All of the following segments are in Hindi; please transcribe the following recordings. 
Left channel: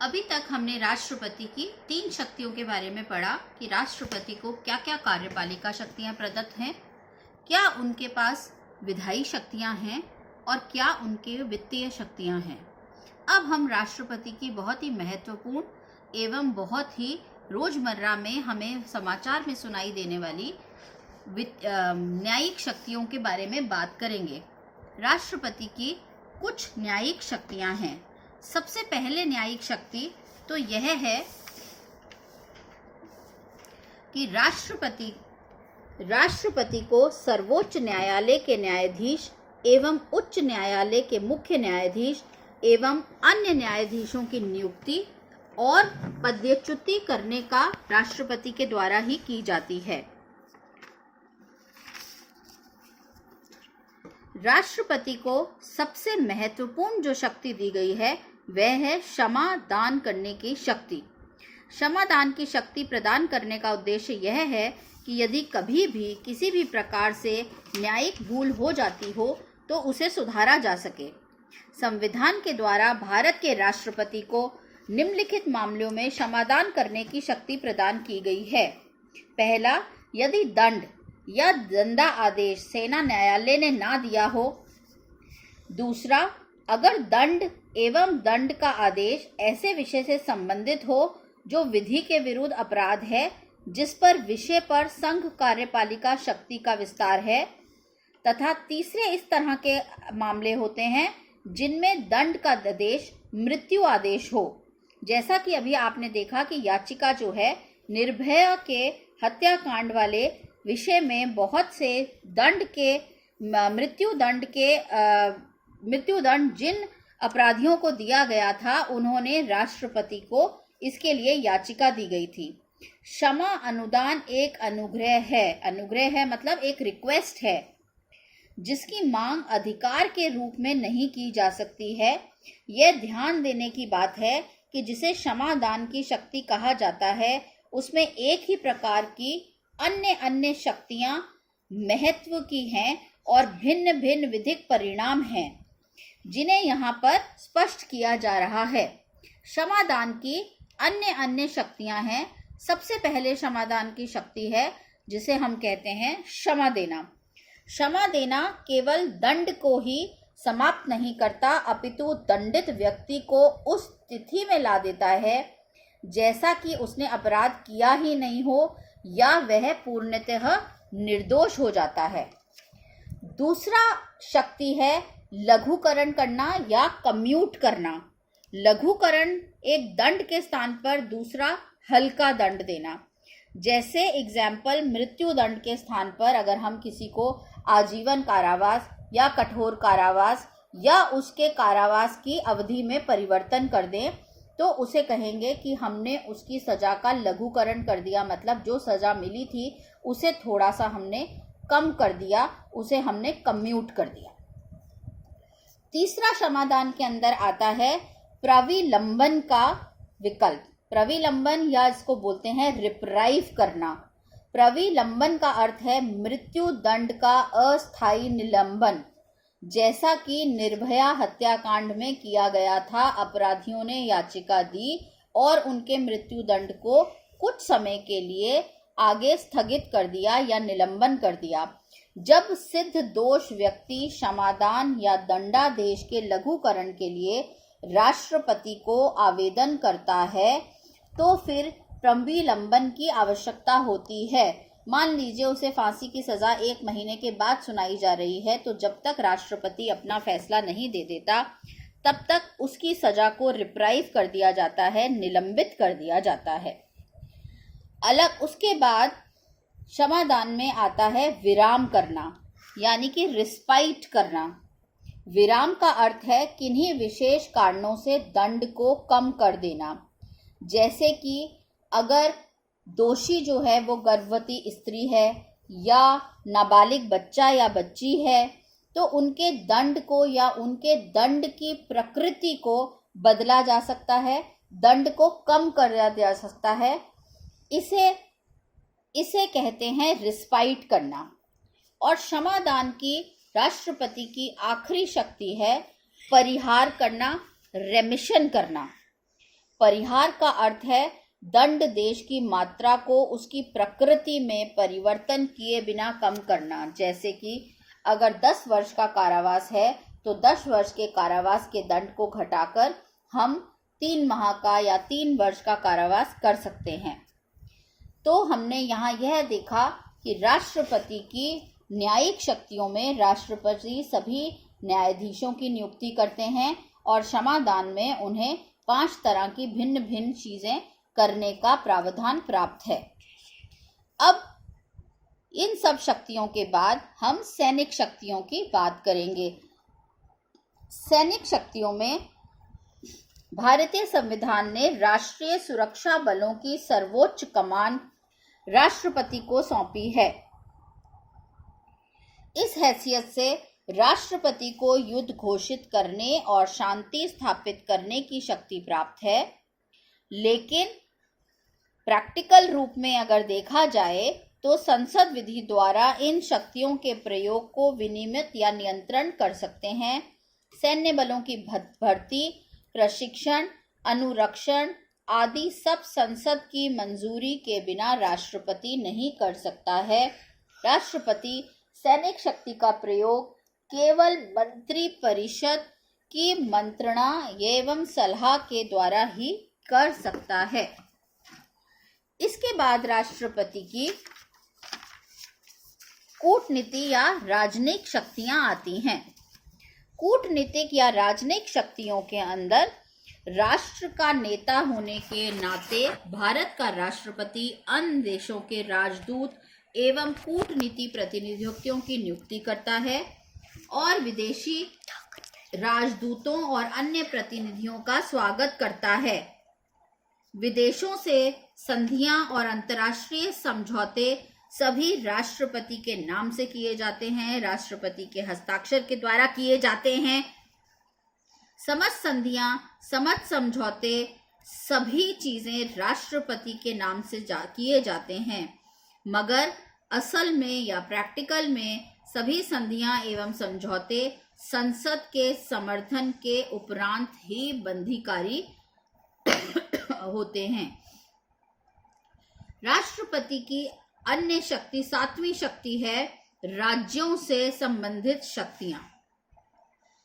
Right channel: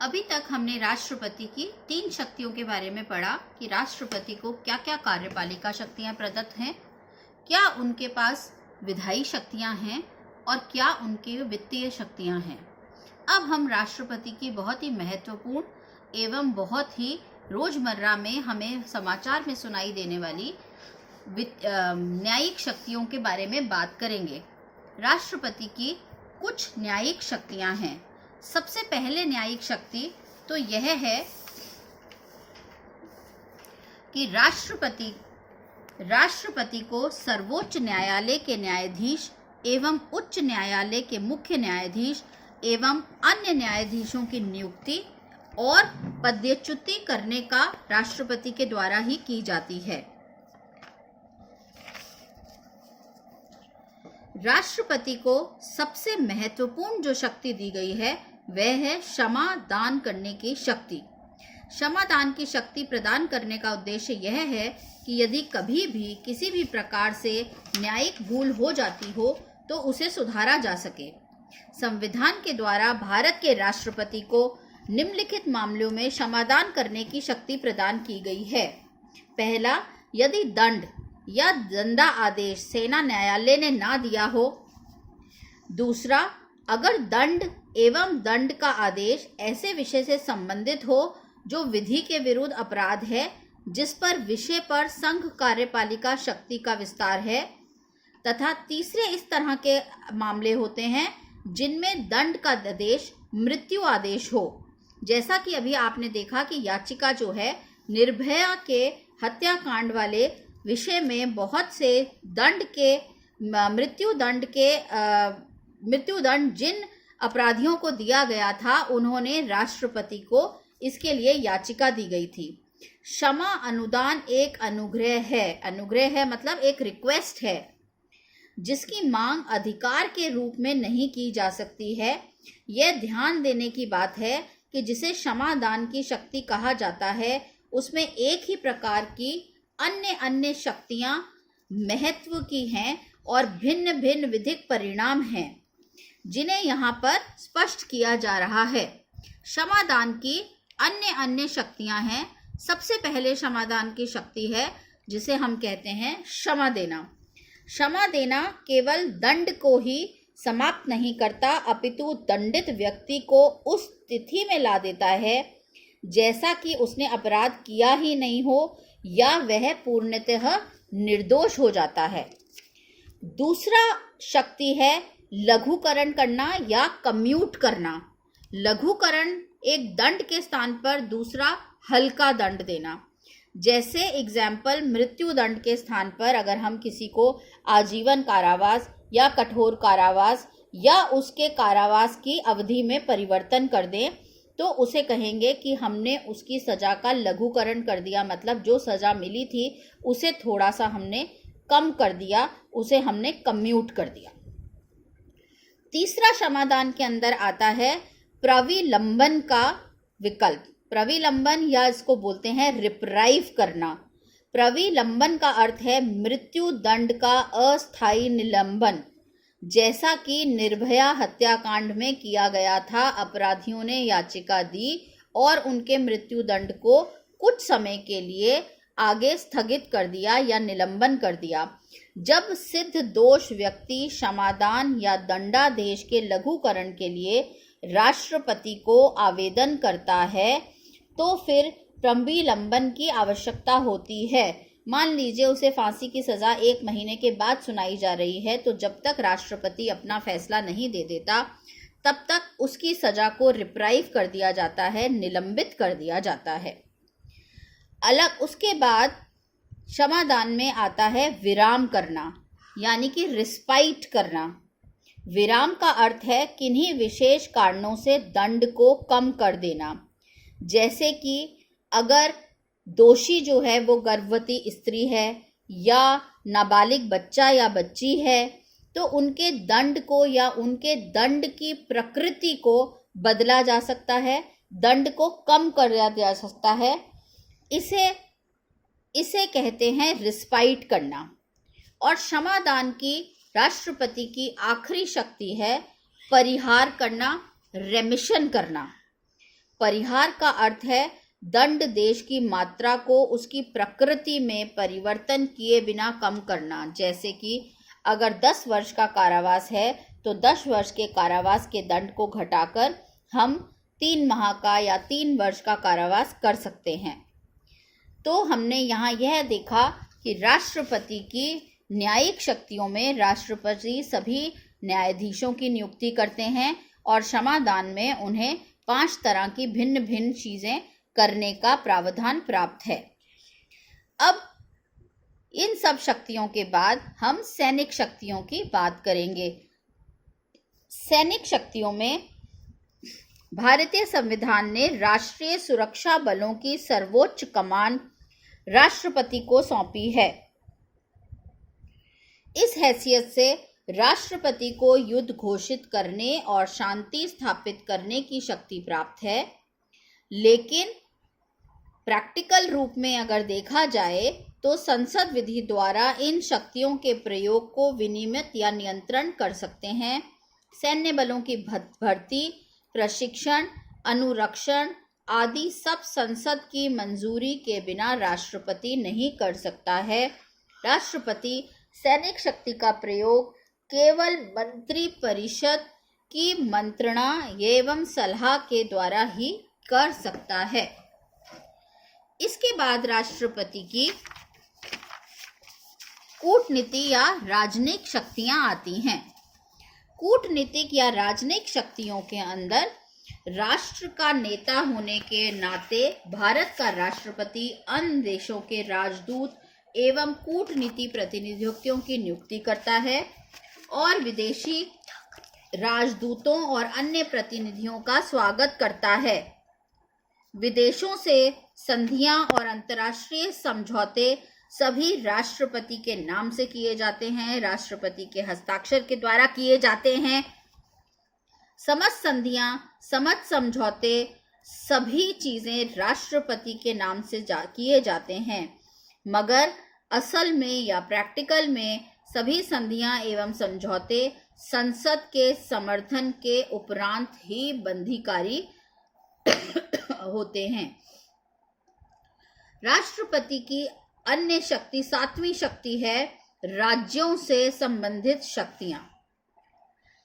अभी तक हमने राष्ट्रपति की 3 शक्तियों के बारे में पढ़ा कि राष्ट्रपति को क्या क्या कार्यपालिका शक्तियां प्रदत्त हैं, क्या उनके पास विधायी शक्तियां हैं और क्या उनके वित्तीय शक्तियां हैं। अब हम राष्ट्रपति की बहुत ही महत्वपूर्ण एवं बहुत ही रोजमर्रा में हमें समाचार में सुनाई देने वाली न्यायिक शक्तियों के बारे में बात करेंगे। राष्ट्रपति की कुछ न्यायिक शक्तियां हैं। सबसे पहले न्यायिक शक्ति तो यह है कि राष्ट्रपति को सर्वोच्च न्यायालय के न्यायाधीश एवं उच्च न्यायालय के मुख्य न्यायाधीश एवं अन्य न्यायाधीशों की नियुक्ति और पदच्युति करने का राष्ट्रपति के द्वारा ही की जाती है। राष्ट्रपति को सबसे महत्वपूर्ण जो शक्ति दी गई है वह है क्षमा दान करने की शक्ति। क्षमा दान की शक्ति प्रदान करने का उद्देश्य यह है कि यदि कभी भी किसी भी प्रकार से न्यायिक भूल हो जाती हो तो उसे सुधारा जा सके। संविधान के द्वारा भारत के राष्ट्रपति को निम्नलिखित मामलों में क्षमादान करने की शक्ति प्रदान की गई है। पहला, यदि दंड या दंडा आदेश सेना न्यायालय ने ना दिया हो। दूसरा, अगर दंड एवं दंड का आदेश ऐसे विषय से संबंधित हो जो विधि के विरुद्ध अपराध है, जिस पर विषय पर संघ कार्यपालिका शक्ति का विस्तार है। तथा तीसरे इस तरह के मामले होते हैं जिनमें दंड का आदेश मृत्यु आदेश हो। जैसा कि अभी आपने देखा कि याचिका जो है निर्भया के हत्याकांड वाले विषय में बहुत से दंड के मृत्यु दंड जिन अपराधियों को दिया गया था उन्होंने राष्ट्रपति को इसके लिए याचिका दी गई थी। क्षमा अनुदान एक अनुग्रह है। अनुग्रह है मतलब एक रिक्वेस्ट है जिसकी मांग अधिकार के रूप में नहीं की जा सकती है। यह ध्यान देने की बात है कि जिसे क्षमा दान की शक्ति कहा जाता है उसमें एक ही प्रकार की अन्य शक्तियां महत्व की हैं और भिन्न भिन्न विधिक परिणाम हैं जिन्हें यहाँ पर स्पष्ट किया जा रहा है। क्षमादान की अन्य शक्तियां हैं। सबसे पहले क्षमादान की शक्ति है जिसे हम कहते हैं क्षमा देना। क्षमा देना केवल दंड को ही समाप्त नहीं करता अपितु दंडित व्यक्ति को उस स्थिति में ला देता है जैसा कि उसने अपराध किया ही नहीं हो या वह पूर्णतः निर्दोष हो जाता है। दूसरा शक्ति है लघुकरण करना या कम्यूट करना। लघुकरण एक दंड के स्थान पर दूसरा हल्का दंड देना। जैसे एग्जाम्पल, मृत्यु दंड के स्थान पर अगर हम किसी को आजीवन कारावास या कठोर कारावास या उसके कारावास की अवधि में परिवर्तन कर दें तो उसे कहेंगे कि हमने उसकी सजा का लघुकरण कर दिया, मतलब जो सजा मिली थी उसे थोड़ा सा हमने कम कर दिया, उसे हमने कम्यूट कर दिया। तीसरा क्षमादान के अंदर आता है प्रविलंबन का विकल्प। प्रविलंबन या इसको बोलते हैं रिप्राइव करना। प्रविलंबन का अर्थ है मृत्यु दंड का अस्थायी निलंबन, जैसा कि निर्भया हत्याकांड में किया गया था। अपराधियों ने याचिका दी और उनके मृत्यु दंड को कुछ समय के लिए आगे स्थगित कर दिया या निलंबन कर दिया। जब सिद्ध दोष व्यक्ति क्षमादान या दंडादेश के लघुकरण के लिए राष्ट्रपति को आवेदन करता है तो फिर प्रविलंबन की आवश्यकता होती है। मान लीजिए उसे फांसी की सजा 1 महीने के बाद सुनाई जा रही है, तो जब तक राष्ट्रपति अपना फैसला नहीं दे देता तब तक उसकी सजा को रिप्राइव कर दिया जाता है, निलंबित कर दिया जाता है। उसके बाद क्षमादान में आता है विराम करना, यानी कि रिस्पाइट करना। विराम का अर्थ है किन्हीं विशेष कारणों से दंड को कम कर देना। जैसे कि अगर दोषी जो है वो गर्भवती स्त्री है या नाबालिग बच्चा या बच्ची है तो उनके दंड को या उनके दंड की प्रकृति को बदला जा सकता है, दंड को कम कर दिया जा सकता है। इसे कहते हैं रिस्पाइट करना। और क्षमादान की राष्ट्रपति की आखिरी शक्ति है परिहार करना, रेमिशन करना। परिहार का अर्थ है दंड देश की मात्रा को उसकी प्रकृति में परिवर्तन किए बिना कम करना। जैसे कि अगर 10 वर्ष का कारावास है तो 10 वर्ष के कारावास के दंड को घटाकर हम 3 माह का या 3 वर्ष का कारावास कर सकते हैं। तो हमने यहाँ यह देखा कि राष्ट्रपति की न्यायिक शक्तियों में राष्ट्रपति सभी न्यायाधीशों की नियुक्ति करते हैं और क्षमादान में उन्हें 5 तरह की भिन्न भिन्न चीजें करने का प्रावधान प्राप्त है। अब इन सब शक्तियों के बाद हम सैनिक शक्तियों की बात करेंगे। सैनिक शक्तियों में भारतीय संविधान ने राष्ट्रीय सुरक्षा बलों की सर्वोच्च कमान राष्ट्रपति को सौंपी है। इस हैसियत से राष्ट्रपति को युद्ध घोषित करने और शांति स्थापित करने की शक्ति प्राप्त है, लेकिन प्रैक्टिकल रूप में अगर देखा जाए तो संसद विधि द्वारा इन शक्तियों के प्रयोग को विनियमित या नियंत्रण कर सकते हैं। सैन्य बलों की भर्ती, प्रशिक्षण, अनुरक्षण आदि सब संसद की मंजूरी के बिना राष्ट्रपति नहीं कर सकता है। राष्ट्रपति सैनिक शक्ति का प्रयोग केवल मंत्री परिषद की मंत्रणा एवं सलाह के द्वारा ही कर सकता है। इसके बाद राष्ट्रपति की कूटनीति या राजनयिक शक्तियां आती हैं। कूटनीतिक या राजनयिक शक्तियों के अंदर राष्ट्र का नेता होने के नाते भारत का राष्ट्रपति अन्य देशों के राजदूत एवं कूटनीति प्रतिनिधियों की नियुक्ति करता है और विदेशी राजदूतों और अन्य प्रतिनिधियों का स्वागत करता है। विदेशों से संधियां और अंतर्राष्ट्रीय समझौते सभी राष्ट्रपति के नाम से किए जाते हैं, राष्ट्रपति के हस्ताक्षर के द्वारा किए जाते हैं। समस्त संधियां, समस्त समझौते, सभी चीजें राष्ट्रपति के नाम से किए जाते हैं, मगर असल में या प्रैक्टिकल में सभी संधियां एवं समझौते संसद के समर्थन के उपरांत ही बंधीकारी होते हैं। राष्ट्रपति की अन्य शक्ति 7वीं शक्ति है राज्यों से संबंधित शक्तियां।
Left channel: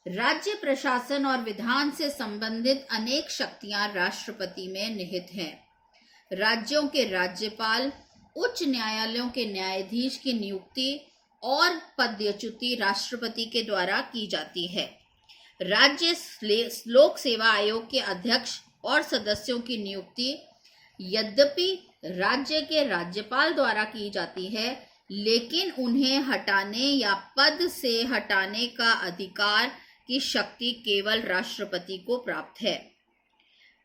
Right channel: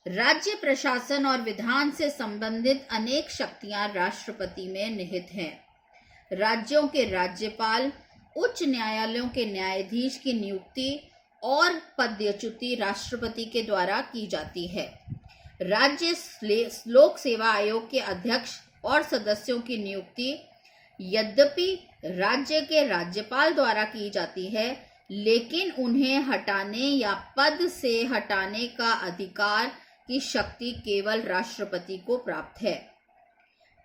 राज्य प्रशासन और विधान से संबंधित अनेक शक्तियां राष्ट्रपति में निहित हैं। राज्यों के राज्यपाल, उच्च न्यायालयों के न्यायाधीश की नियुक्ति और पदच्युति राष्ट्रपति के द्वारा की जाती है। राज्य लोक सेवा आयोग के अध्यक्ष और सदस्यों की नियुक्ति यद्यपि राज्य के राज्यपाल द्वारा की जाती है, लेकिन उन्हें हटाने या पद से हटाने का अधिकार की शक्ति केवल राष्ट्रपति को प्राप्त है।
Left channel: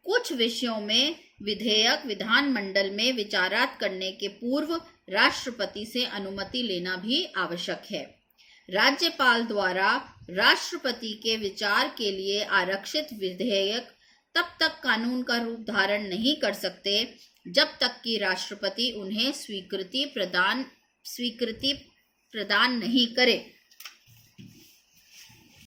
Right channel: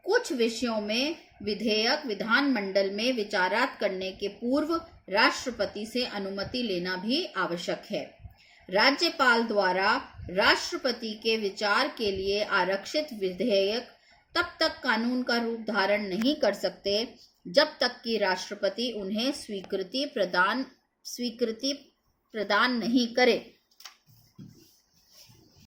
कुछ विषयों में विधेयक विधानमंडल में विचारात करने के पूर्व राष्ट्रपति से अनुमति लेना भी आवश्यक है। राज्यपाल द्वारा राष्ट्रपति के विचार के लिए आरक्षित विधेयक तब तक कानून का रूप धारण नहीं कर सकते जब तक कि राष्ट्रपति उन्हें स्वीकृति प्रदान नहीं करे।